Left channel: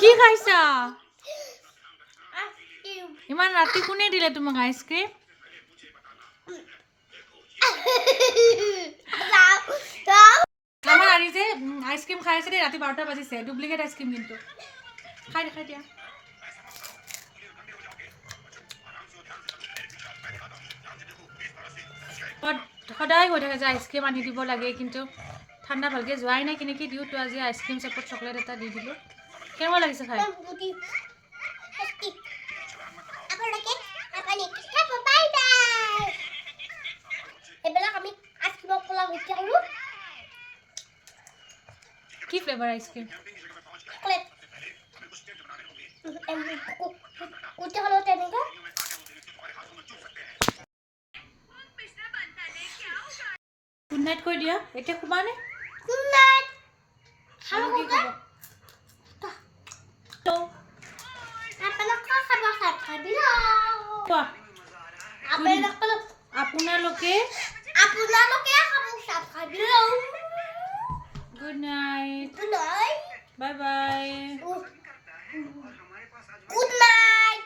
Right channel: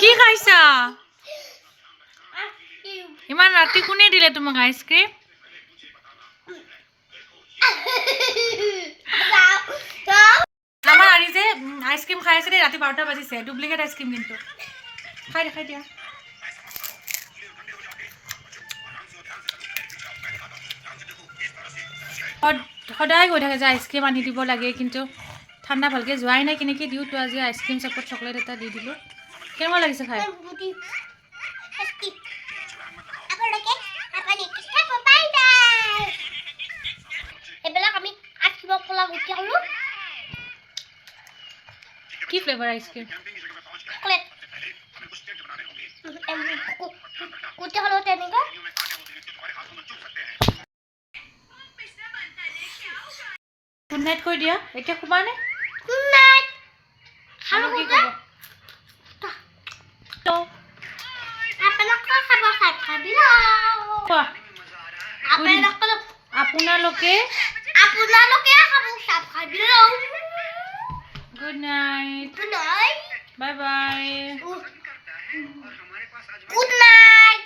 কি খাইছা ইমান ৰাতি কোনে দিলে তোমাক আইসক্ৰীম আমাৰ আৰি যে আইসক্ৰীম খাই আছে ৰাতি 12টা বাজিছে ডুপ্লিকেট আইসক্ৰীম কিন্তু খাই দিয়া সদায় গৈ থাকে যে আইসক্ৰীম আনি দিব লাগে কিন্তু ঠাণ্ডা ভালকে যোৱাই নাই কেনেকৈ দিওঁ তো আজি আইসক্ৰীম চপত চকলেট এটা দি দিলোঁ কেনেকুৱা লাগিছে খাই কি ফ্লেভাৰ আইসক্ৰীম গুড নাইট কৈ দিয়া এতিয়া শুবা নে গুড নাইট খালো কি কব তো আপোনালোকে খাব খাই দিলো আপোনালোকে খাব খাই দিলো good night bye bye good night